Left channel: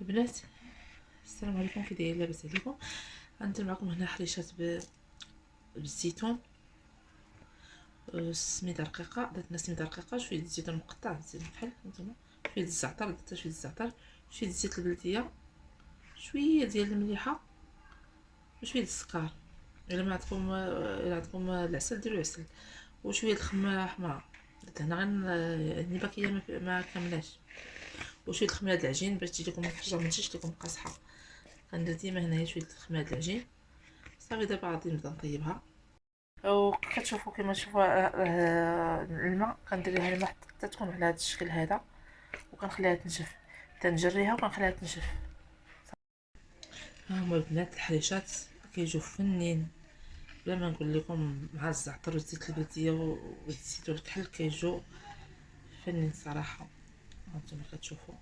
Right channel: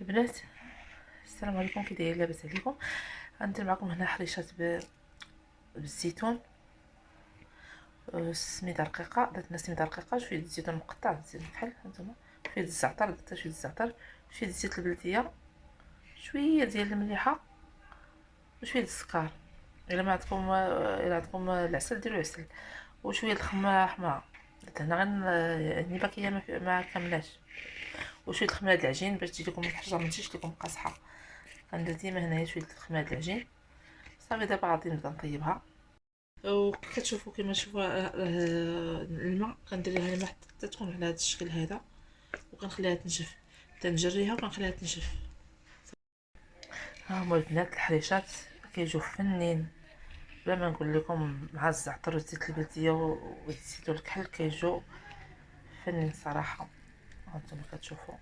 البنات، السلام عليكم. كي دايرين؟ لاباس عليكم؟ غندير معكم هنا حريشات بالزيتون، السميده رقيقه. درت سميده رقيقه، شويه الزيتون مقطع، زيت بحال هانتوما، شويه الزعتر، درت شويه الزعتر، شويه زيت البلديه، شويه ديال المليحه، وشويه السكر. الا عندكم العسل ديروا عسل، وشويه الخمره حمراء. درت هنا غير يعني باكيه ما كاملاش، وشويه الخميره د العجين باش تجي لكم الحرجه ما تجيش لكم قاصحه. غندير ديما هنايا شويه الخميره د العجين. صافي دابا غادي نبدا نطيبها. وكتشوفوا كما تشوفوا الماء، كندير ليها الماء حتى تكون على هذا الشكل هذا، وكنخليها تنشف، تنجريها وكنخليها تنشف. ها هما البنات الحريشات كيجيو فنين، بلا ما نقول لكم، مع الزعتر وزيت البلديه والزيتون الكحل كيجيو فنين صراحه. هانتوما كتشوفوا.